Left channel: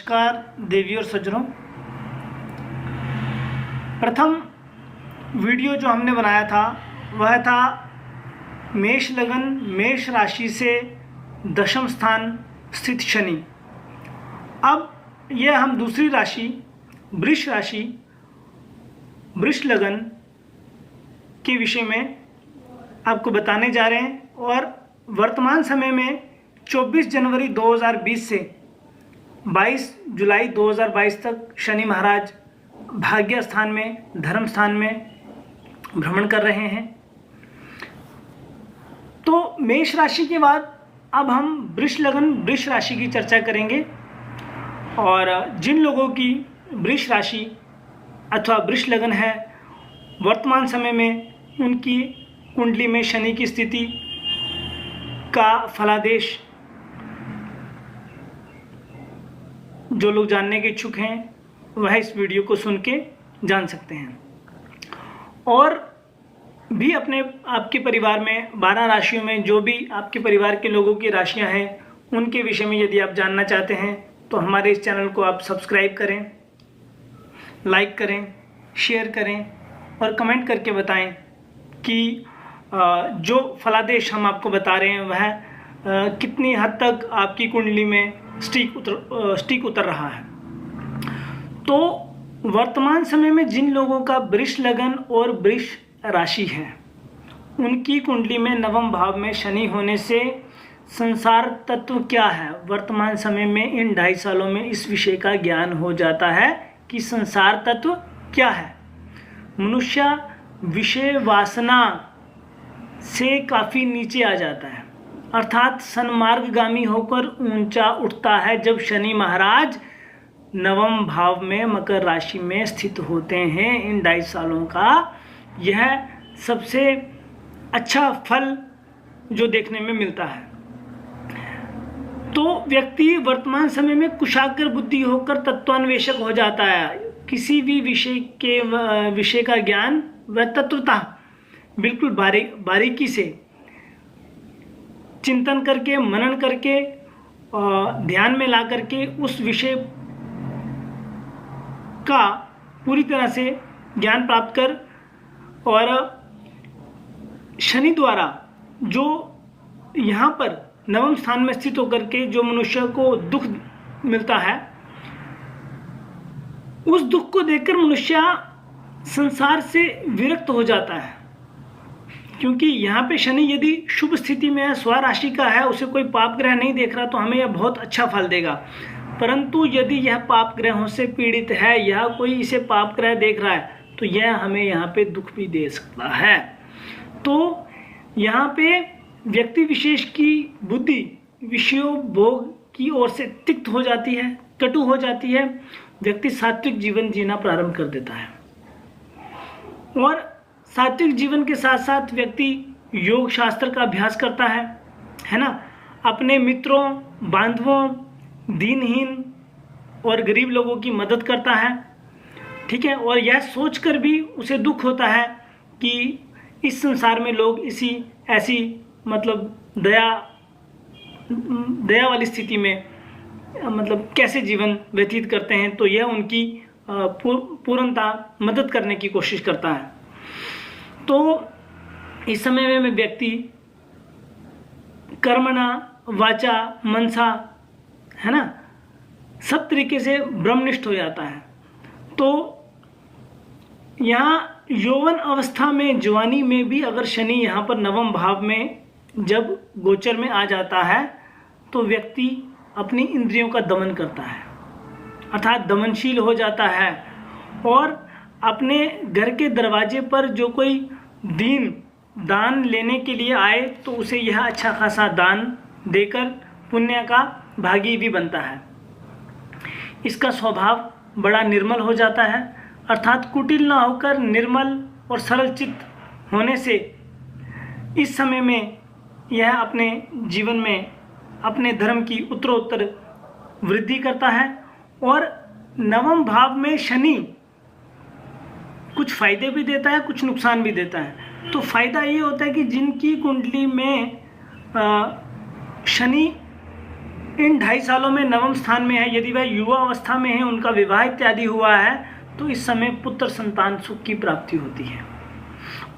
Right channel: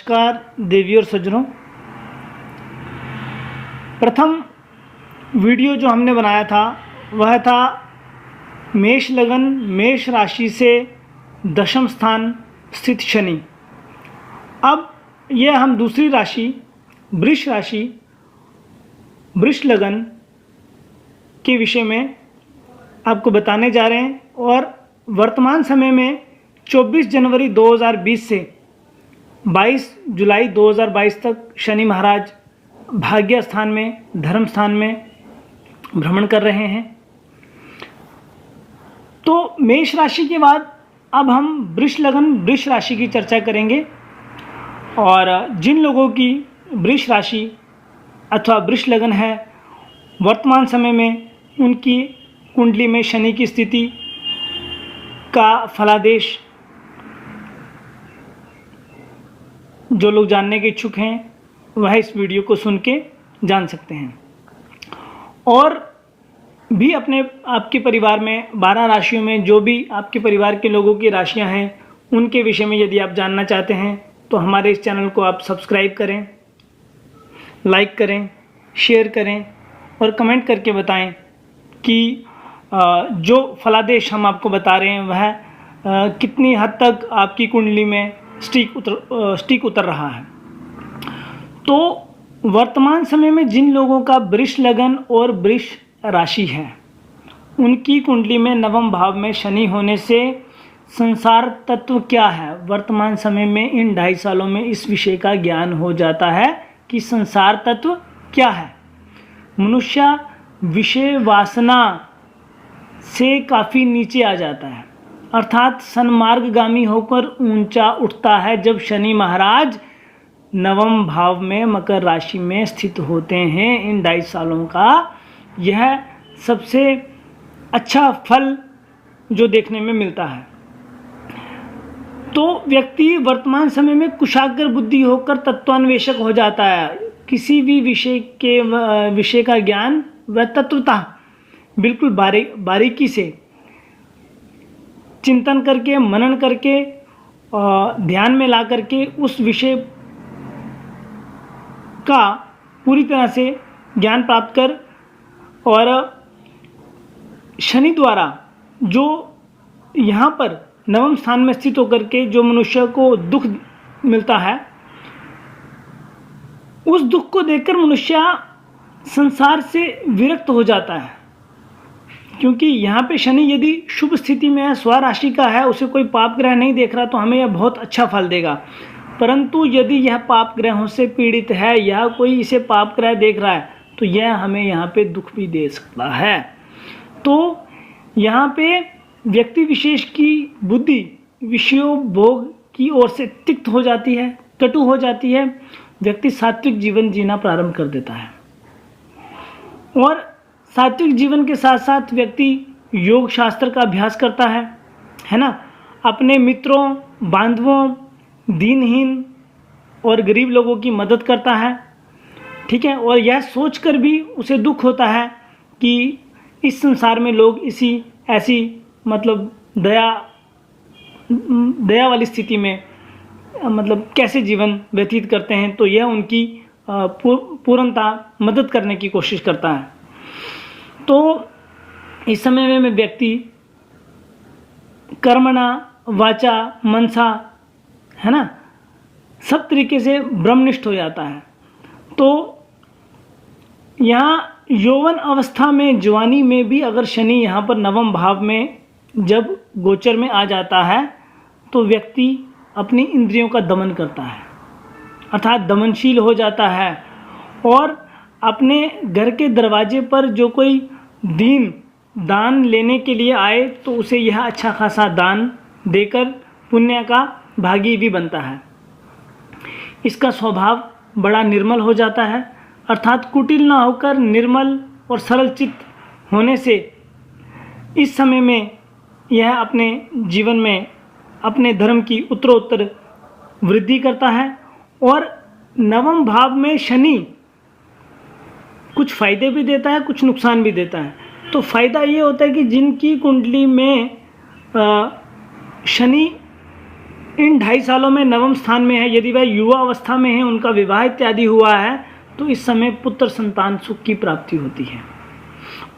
नमस्कार देवी और सज्जनों। प्रथम वीडियो जो हमने बनाया था वह था मेष लगन मेष राशि से दशम स्थान स्थित शनि। अब यह हम दूसरी राशि वृष लगन के विषय में आपको बताने जा रहे हैं और वर्तमान समय में 24 जनवरी 2020 से 22 जुलाई 2022 तक शनि महाराज भाग्य स्थान में धर्म स्थान में भ्रमण कर रहे हैं। तो मेष राशि के बाद अब हम वृष लगन वृष राशि की चर्चा करेंगे और जिन लोगों की वृष राशि अथवा वृष लगन है वर्तमान समय में उनकी कुंडली में शनि की स्थिति का फलादेश जो लोग जानने के इच्छुक हैं वह इस वीडियो को सुन के जान सकते हैं। और भी आपके परिवार में 12 राशियों में जो भी आपके परिवार के लोगों की राशियां हैं उनके विषय में यदि आप जानना चाहते हैं तो हमारे इस चैनल को आप सब्सक्राइब करें, लाइक करें, शेयर करें और कमेंट करके बताएं कि जो फलादेश हम आपको बता रहे हैं वह कितनी हद तक आपकी कुंडली में स्टीक उतर रहा है। तो वर्तमान समय में जिन लोगों का वृष लगन और वृष राशि है उनकी कुंडली में नवम भाव में शनि होने से संसार तत्व क्या है, वर्तमान समय में इन 2.5 सालों में इस विषय का ज्ञान हो जाता है कि संसार तत्व क्या है। मनुष्य विषय वासना से काफ़ी नीचे आ जाता है अर्थात सन्मार्गगामी होकर ऊंचा उठता है जब शनि महाराज नवम भाव में मकर राशि में स्थित होते हैं। इन 2.5 सालों का यह सबसे अच्छा फल जो देखने में मिलता है। तो व्यक्ति वर्तमान समय में कुशाग्र बुद्धि होकर तत्वान्वेषक हो जाता है। किसी भी विषय का ज्ञान व तत्वतः बिल्कुल बारीकी से चिंतन करके मनन करके ध्यान में ला करके उस विषय का पूरी तरह से ज्ञान प्राप्त कर और शनि द्वारा जो यहाँ पर नवम स्थान में स्थित होकर के जो मनुष्य को दुख मिलता है उस दुख को देखकर मनुष्य संसार से विरक्त हो जाता है। क्योंकि यहाँ पे शनि यदि शुभ स्थिति में है, स्वराशि का है, उसे कोई पाप ग्रह नहीं देख रहा तो हमें यह बहुत अच्छा फल देगा। परंतु यदि यह पाप ग्रहों से पीड़ित है या कोई इसे पाप ग्रह देख रहा है तो यह हमें यहाँ पे दुख भी दे सकता है। तो यहाँ पे व्यक्ति विशेष की बुद्धि विषयों भोग की ओर से तिक्त हो जाती है, कटु हो जाती है। व्यक्ति सात्विक जीवन जीना प्रारंभ कर देता है और सात्विक जीवन के साथ साथ व्यक्ति योग शास्त्र का अभ्यास करता है ना। अपने मित्रों बांधवों दीनहीन और गरीब लोगों की मदद करता है, ठीक है। और यह सोचकर भी उसे दुख होता है कि इस संसार में लोग ऐसी मतलब दया वाली स्थिति में मतलब कैसे जीवन व्यतीत करते हैं। तो यह उनकी पूर्णतः मदद करने की कोशिश करता है। तो इस समय में व्यक्ति कर्मणा वाचा मनसा है ना सब तरीके से ब्रह्मनिष्ठ हो जाता है। तो यहाँ यौवन अवस्था में जवानी में भी अगर शनि यहाँ पर नवम भाव में जब गोचर में आ जाता है तो व्यक्ति अपनी इंद्रियों का दमन करता है अर्थात दमनशील हो जाता है और अपने घर के दरवाजे पर जो कोई दान लेने के लिए आए तो उसे यह अच्छा खासा दान देकर पुण्य का भागी भी बनता है। इसका स्वभाव बड़ा निर्मल हो जाता है अर्थात कुटिल न होकर निर्मल और सरल चित्त होने से इस समय में यह अपने जीवन में अपने धर्म की उत्तरोत्तर वृद्धि करता है। और नवम भाव में शनि कुछ फायदे भी देता है कुछ नुकसान भी देता है। तो फायदा ये होता है कि जिनकी कुंडली में शनि इन 2.5 सालों में नवम स्थान में है, यदि वह युवा अवस्था में है, उनका विवाह इत्यादि हुआ है, तो इस समय पुत्र संतान सुख की प्राप्ति होती है।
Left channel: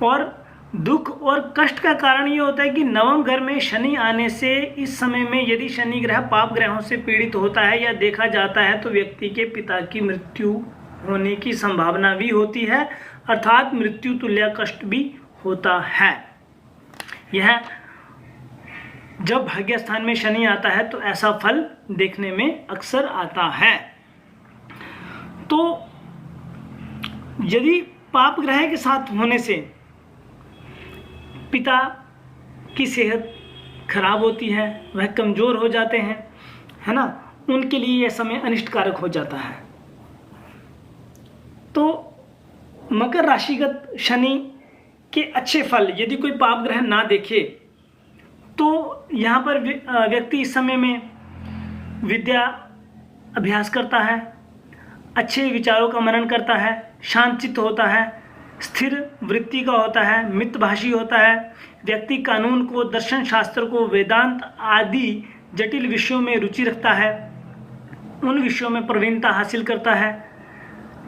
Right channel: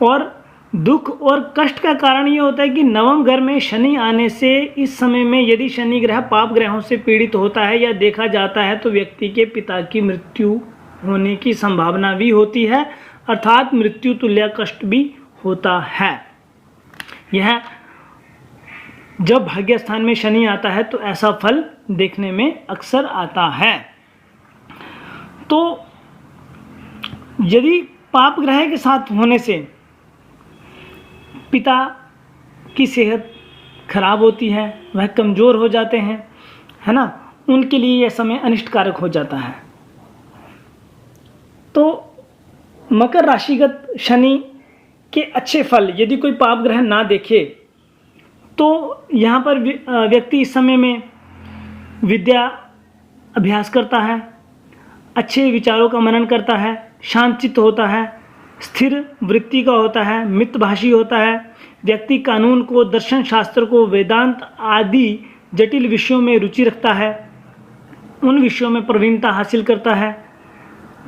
और दुख और कष्ट का कारण ये होता है कि नवम घर में शनि आने से इस समय में यदि शनि ग्रह पाप ग्रहों से पीड़ित होता है या देखा जाता है तो व्यक्ति के पिता की मृत्यु होने की संभावना भी होती है, अर्थात मृत्यु तुल्य कष्ट भी होता है। यह जब भाग्य स्थान में शनि आता है तो ऐसा फल देखने में अक्सर आता है। तो यदि पाप ग्रह के साथ होने से पिता की सेहत खराब होती है, वह कमजोर हो जाते हैं, है ना, उनके लिए यह समय अनिष्टकारक हो जाता है। तो मकर राशिगत शनि के अच्छे फल यदि कोई पाप ग्रह ना देखे तो यहाँ पर व्यक्ति इस समय में विद्या अभ्यास करता है, अच्छे विचारों का मनन करता है, शांतचित्त होता है, स्थिर वृत्ति का होता है, मितभाषी होता है। व्यक्ति कानून को, दर्शन शास्त्र को, वेदांत आदि जटिल विषयों में रुचि रखता है, उन विषयों में प्रवीणता हासिल करता है।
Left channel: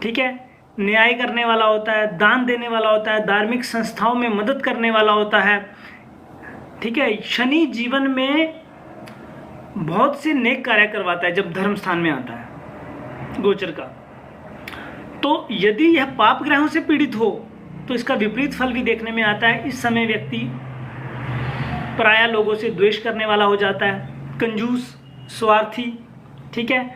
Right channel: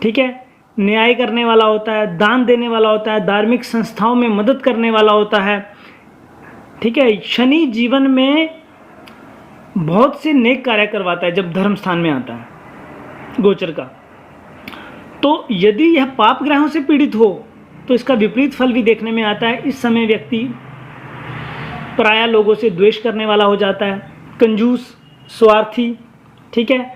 ठीक है, न्याय करने वाला होता है, दान देने वाला होता है, धार्मिक संस्थाओं में मदद करने वाला होता है। ठीक है, शनि जीवन में बहुत से नेक कार्य करवाता है जब धर्म स्थान में आता है गोचर का। तो यदि यह पाप ग्रहों से पीड़ित हो तो इसका विपरीत फल भी देखने में आता है। इस समय व्यक्ति पराया लोगों से द्वेष करने वाला हो जाता है, कंजूस, स्वार्थी, ठीक है,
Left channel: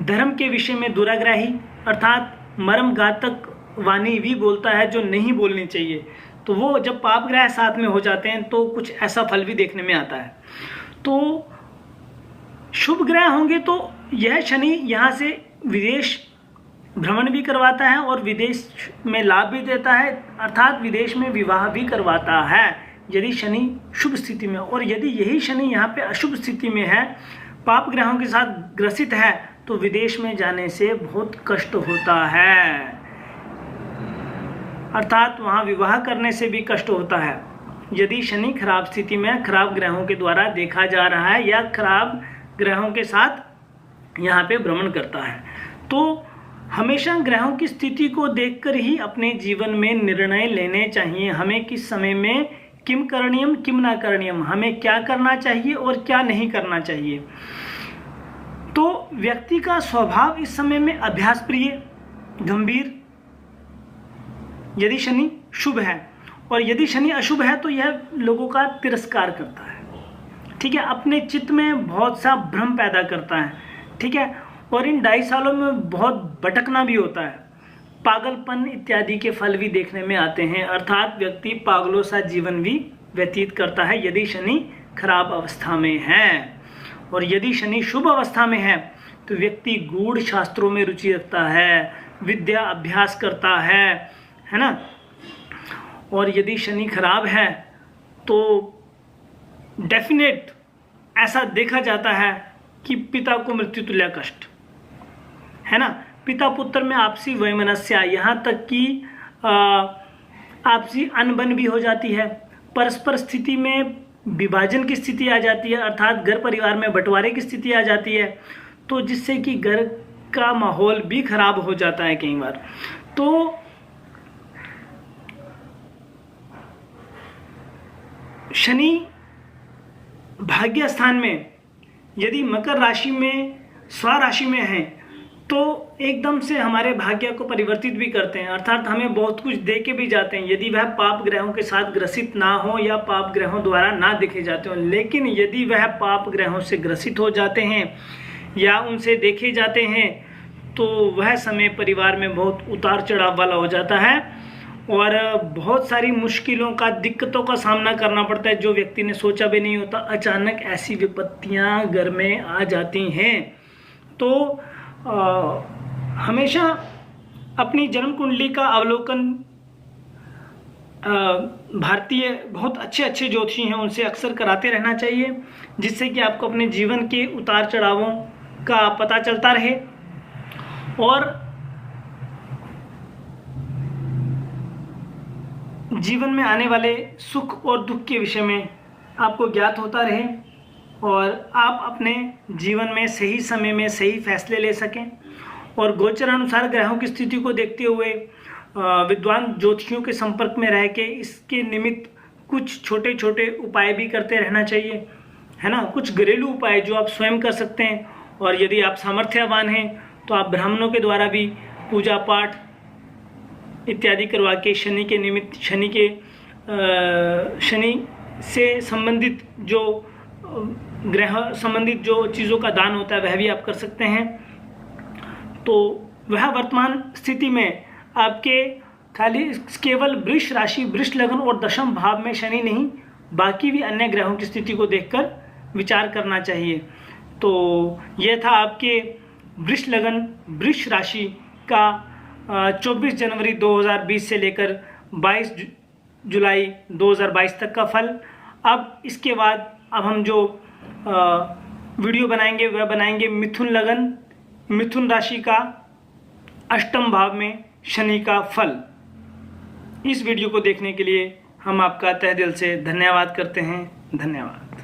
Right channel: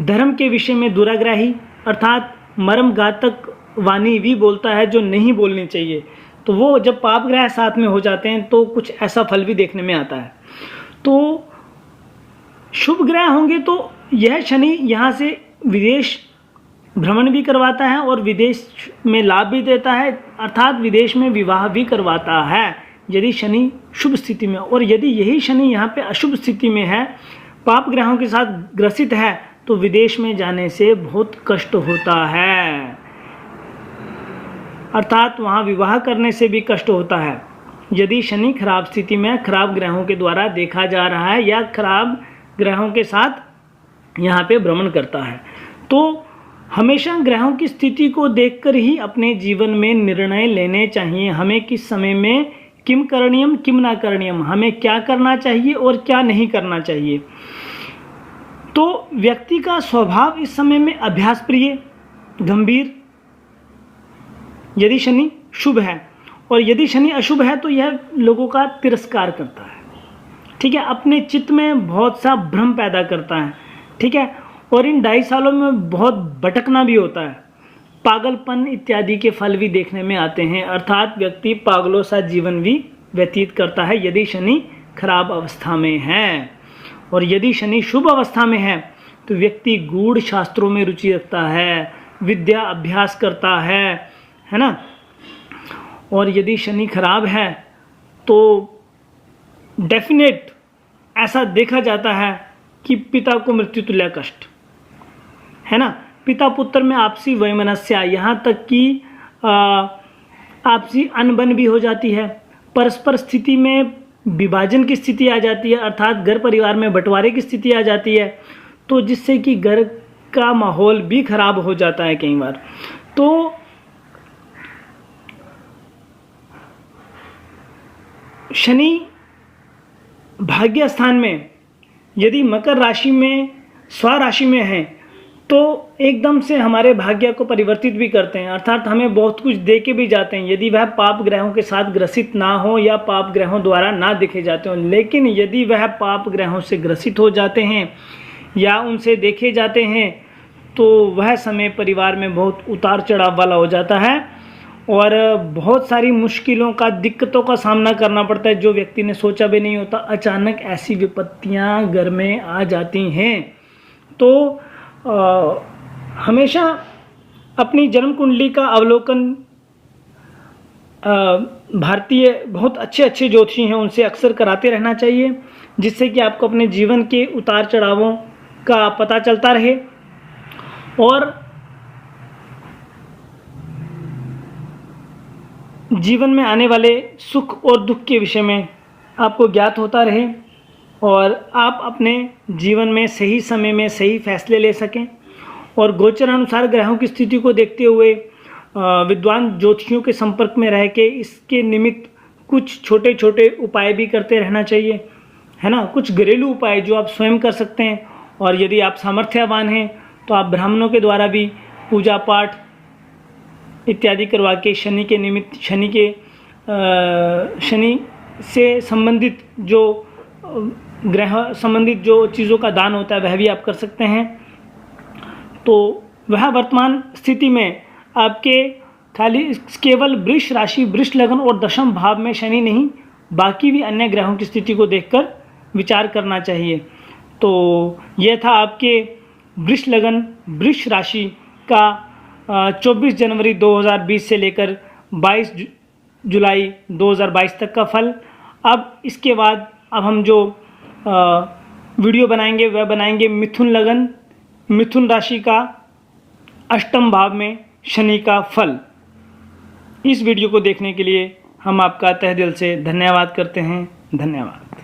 धर्म के विषय में दुराग्राही, अर्थात मर्मघातक वाणी भी बोलता है जो नहीं बोलनी चाहिए। तो वो जब पाप ग्रह साथ में हो जाते हैं तो कुछ ऐसा फल भी देखने में आता है। तो शुभ ग्रह होंगे तो यह शनि यहाँ से विदेश भ्रमण भी करवाता है और विदेश में लाभ भी देता है, अर्थात विदेश में विवाह भी करवाता है यदि शनि शुभ स्थिति में। और यदि यही शनि यहाँ पे अशुभ स्थिति में है, पाप ग्रहों के साथ ग्रसित है, तो विदेश में जाने से बहुत कष्ट होता है, अर्थात वहाँ विवाह करने से भी कष्ट होता है यदि शनि खराब स्थिति में खराब ग्रहों के द्वारा देखा जा रहा है या खराब ग्रहों के साथ यहाँ पे भ्रमण करता है। तो हमेशा ग्रहों की स्थिति को देखकर ही अपने जीवन में निर्णय लेने चाहिए। हमें किस समय में किम करणीयम किम ना करणीयम, हमें क्या करना चाहिए और क्या नहीं करना चाहिए। तो व्यक्ति का स्वभाव इस समय में अभ्यास प्रिय, गंभीर, यदि शनि शुभ है, और यदि शनि अशुभ है तो यह लोगों का तिरस्कार करता है। ठीक है, अपने चित्त में बहुत सा भ्रम पैदा करता है। ठीक है, और इन 2.5 सालों में बहुत भटकना भी होता है, पागलपन इत्यादि के फल भी देखने में आते हैं, अर्थात व्यक्ति पागलों सा जीवन भी व्यतीत करता है यदि शनि खराब अवस्था में है। और यदि शनि शुभ अवस्था में है तो व्यक्ति गूढ़ शास्त्रों में रुचि रखता है, विद्या अभ्यास करता है ना। और यदि शनि खराब है तो डेफिनेट ऐसा देखा जाता है कि पिता को मृत्यु तुल्य कष्ट, है ना, पिता पुत्र में आपसी वैमनस्या, यहाँ तक कि आपसी अनबन भी हो जाती है, परस्पर स्थिति में विभाजन की स्थिति आ जाती है, अर्थात घर परिवार में बंटवारे की स्थिति आ जाती है, तो जिससे कि घर का माहौल भी खराब हो जाता है कई बार। तो शनि भाग्य स्थान में यदि मकर राशि में स्वराशि में है तो एकदम से हमारे भाग्य को परिवर्तित भी करते हैं, अर्थात हमें बहुत कुछ दे के भी जाते हैं यदि वह पाप ग्रहों के साथ ग्रसित ना हो या पाप ग्रहों द्वारा ना देखे जाते हो। लेकिन यदि वह पाप ग्रहों से ग्रसित हो जाते हैं या उनसे देखे जाते हैं तो वह समय परिवार में बहुत उतार चढ़ाव वाला हो जाता है और बहुत सारी मुश्किलों का, दिक्कतों का सामना करना पड़ता है जो व्यक्ति ने सोचा भी नहीं होता। अचानक ऐसी विपत्तियां घर में आ जाती हैं। तो हमेशा अपनी जन्म कुंडली का अवलोकन भारतीय बहुत अच्छे ज्योतिषी हैं उनसे अक्सर कराते रहना चाहिए, जिससे कि आपको अपने जीवन के उतार चढ़ावों का पता चलता रहे और जीवन में आने वाले सुख और दुख के विषय में आपको ज्ञात होता रहे। और आप अपने जीवन में सही समय में सही फैसले ले सकें। और गोचर अनुसार ग्रहों की स्थिति को देखते हुए विद्वान ज्योतिषियों के संपर्क में रह के इसके निमित्त कुछ छोटे छोटे उपाय भी करते रहना चाहिए, है ना। कुछ घरेलू उपाय जो आप स्वयं कर सकते हैं, और यदि आप सामर्थ्यवान हैं तो आप ब्राह्मणों के द्वारा भी पूजा पाठ इत्यादि करवा के शनि के निमित्त, शनि से संबंधित जो ग्रह संबंधित जो चीज़ों का दान होता है वह भी आप कर सकते हैं। तो वह वर्तमान स्थिति में आपके खाली केवल वृष राशि, वृष लग्न और दशम भाव में शनि नहीं, बाकी भी अन्य ग्रहों की स्थिति को देखकर विचार करना चाहिए। तो यह था आपके वृष लग्न, वृष राशि का 24 जनवरी 2020 से लेकर 22 जुलाई 2022 तक का फल। अब इसके बाद अब हम जो वीडियो बनाएंगे वह बनाएंगे मिथुन लग्न, मिथुन राशि का अष्टम भाव में शनि का फल। इस वीडियो को देखने के लिए हम आपका तहे दिल से धन्यवाद करते हैं। धन्यवाद।